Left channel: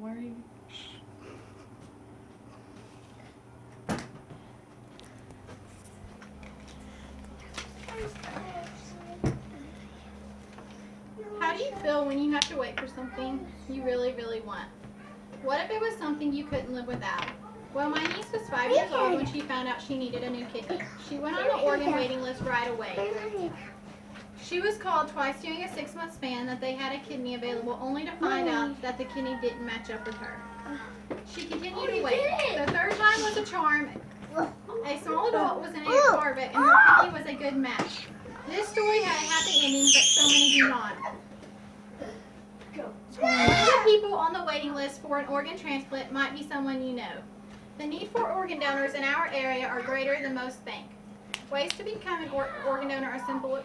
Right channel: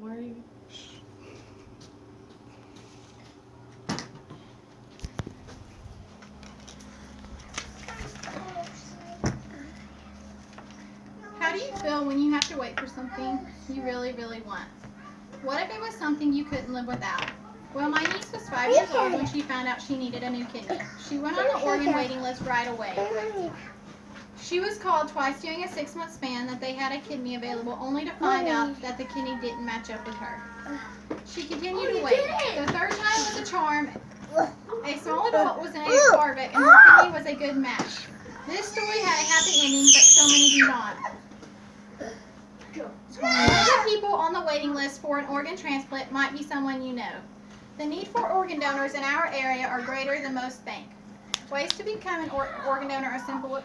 Where are you? How do you feel when you have to wait for something you really, really want? What if it was something you couldn't live without? Well, my niece was 5 years old when she found out she needed a new kidney. She went on the organ waiting list right away. She was called twice during a 6-month span that they had a kidney available, only to find out that the kidney didn't match up with her. She continued to wait. The third time was a charm. A small adult was in a car wreck, and her kidney was a good match. This story had a happy ending, but so many do not. One of the people on the waiting list for an organ transplant might be someone you know. The need for organ donors in our area are greater than most think. Ways to become an organ donor are simple.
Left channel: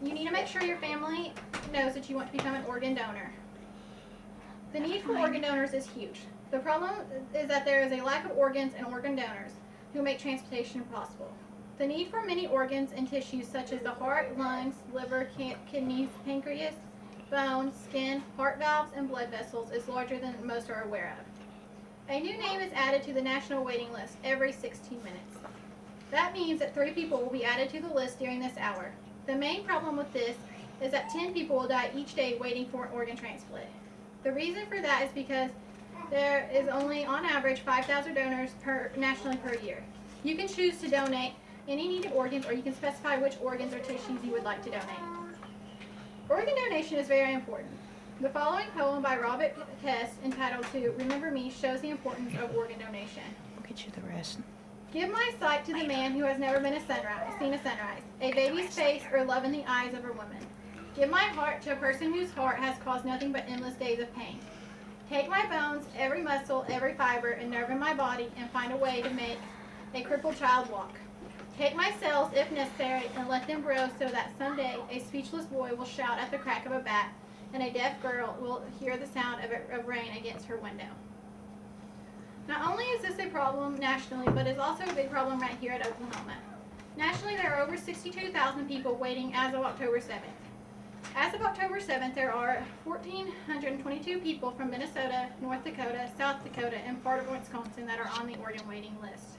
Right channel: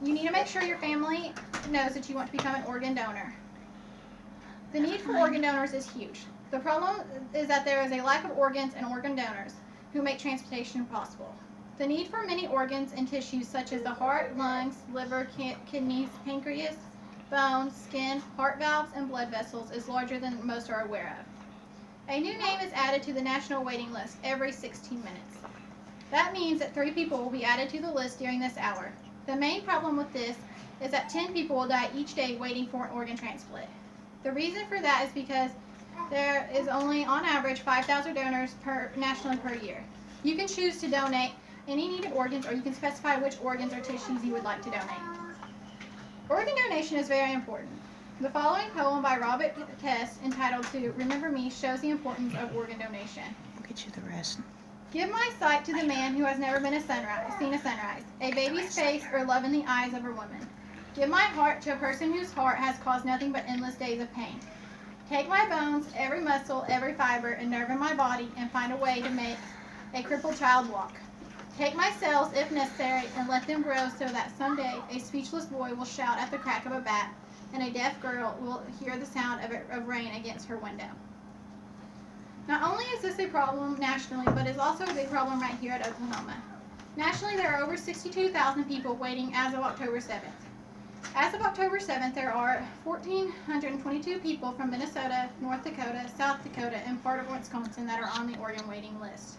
You need to make sure your family knows that you want to become an organ donor. The need for organ donors is huge. The problem is that there is a lack of organs and organ donors who make transplantation possible. The need for many organs and tissues such as the heart, lungs, liver, kidneys, pancreas, bones, skin, heart valves, and blood vessels is larger than most are aware of. A new name is added to the national waiting list every 16 minutes. That means that 3 people will be added to the list during this hour. The main problem with this is that 10 people will die each day waiting for an organ transplant. The reason for that is because there is only, on average, 5,000 donors nationally per year. You can choose to donate any needed organs, or you can specify which organs or tissues you would like to donate. Organ donation is very important. The following poem by Robert Test, entitled to Remember Me, shows the importance of organ donation. We'll get you the rest. Give my sight to the man who has never seen a sunrise, a baby's face, or love in the eyes of a woman. Give my heart to a person whose heart has caused nothing but endless days of pain. Take my bones, every muscle, every fiber, and nerve in my body, and find a way to make a crippled child walk. Take my cells, if necessary, and let them grow so that someday a speechless boy will shout at the crack of a bat, and a deaf girl will hear the sound of rain against her window. Not only is this a problem nationally, but it's also a big problem right here at Oklahoma. Nationally, there are over 62,000 people waiting as of October 7th. As of October 7th, there are 1,422 people from Minnesota, North Dakota, South Dakota, and part of Wisconsin that are on the organ waiting list.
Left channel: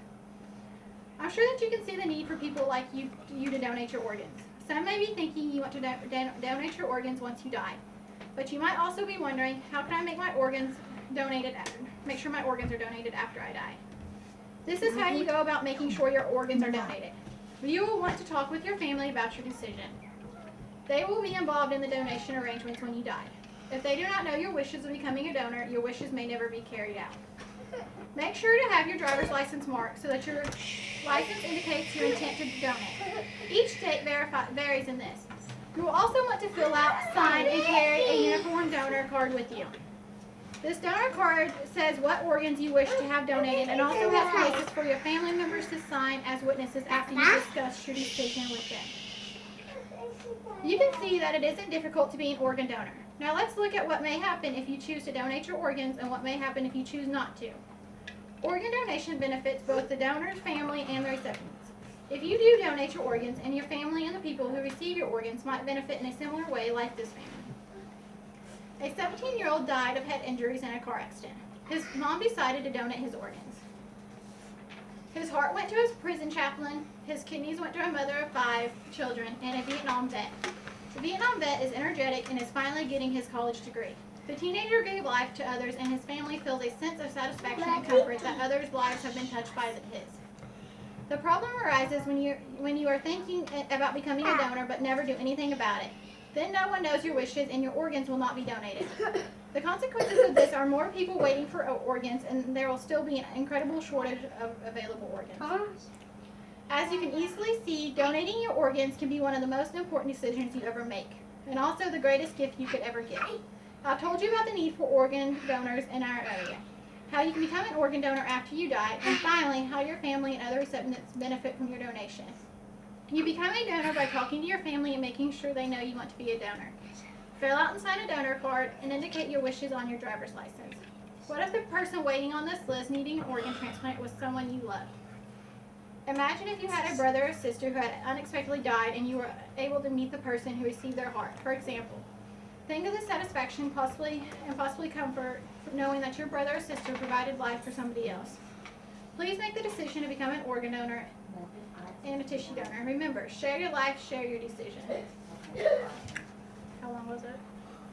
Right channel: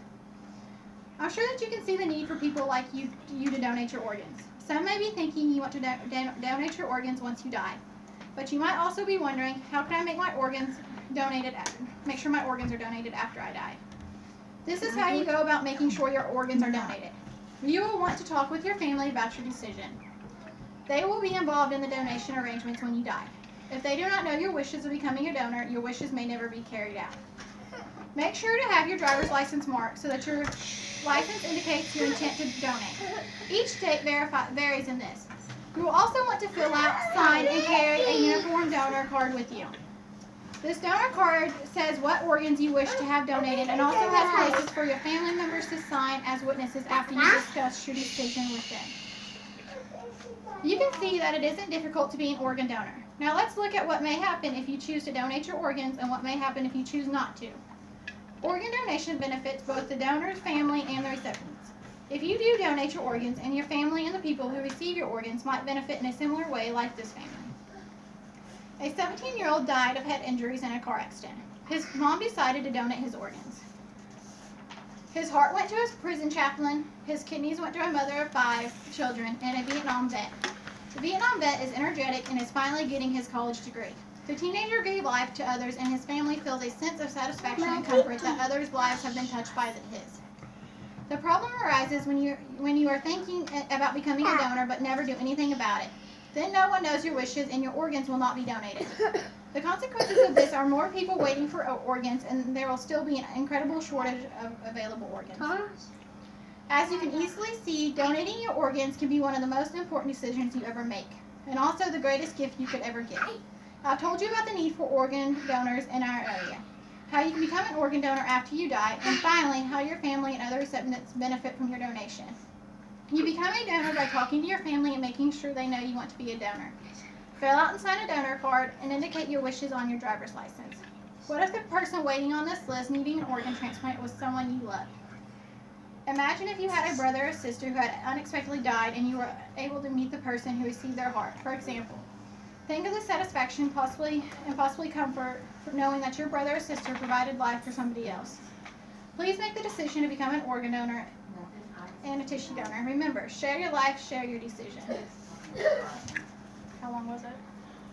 I'm sure that you can see the need for people like you to donate your organs. Some may be thinking you want to donate your organs once you die. But you might also be wondering, how can I make my organs make sure my organs are donated after I die? This is how you go about making sure your organs are donated. You will want to talk with your family about your decision. They will be involved in the donation arrangements when you die. If they do not know your wishes of becoming a donor, your wishes may never be carried out. Make sure to have your driver's license marked so that your license indicates your intent to donate. Each state varies in this. You will also want to fill out, sign, and carry a uniform donor card with you. This donor card says what organs you wish to have donated and also has places for your family members to sign as witnesses after you discuss your decision with them. You can see that it isn't difficult to be an organ donor. Now let's look at what may happen if you choose to donate your organs and what may happen if you choose not to. Organ donation benefits both the donor's family and the recipients. If you do donate your organs, and your family and the people who receive your organs might benefit in a similar way like this family. A 17-year-old died of head injuries in a car accident. His mom decided to donate his organs. His heart went to his prison chaplain, his kidneys went to a mother of 5 children, and a Vietnam vet. The Vietnam vet is energetic and is finally getting his college degree. The teenager gave life to others, and his family feels a sense of satisfaction and comfort that others' lives have been touched by his. The problem arises when you are thinking about becoming a donor but never do anything about it. Then no one knows your wishes and your organs will not be donated. The consequences of this are more people waiting for organs, and there will still be an incredible shortage of available organs. As you can easily see, donating your organs can be one of the most important decisions you ever make, and also the greatest gift you could ever give. I've told you about the need for organ donors in our area, how you can become an organ donor after you die, and finally, how your family and other recipients benefit from your donation. You become a donor by talking to your family and making sure they know you want to be a donor. Fill out and sign a donor card and indicate your wishes on your driver's license. What if the person waiting on this list needing an organ transplant was someone you loved? Imagine if you had a brother or sister who had unexpectedly died and you were able to meet the person who received their heart. For example, Think of the satisfaction possibly comfort knowing that your brother or sister provided life for somebody else. Please make the decision to become an organ donor and a tissue donor. Remember, share your life, share your decision. How long was it?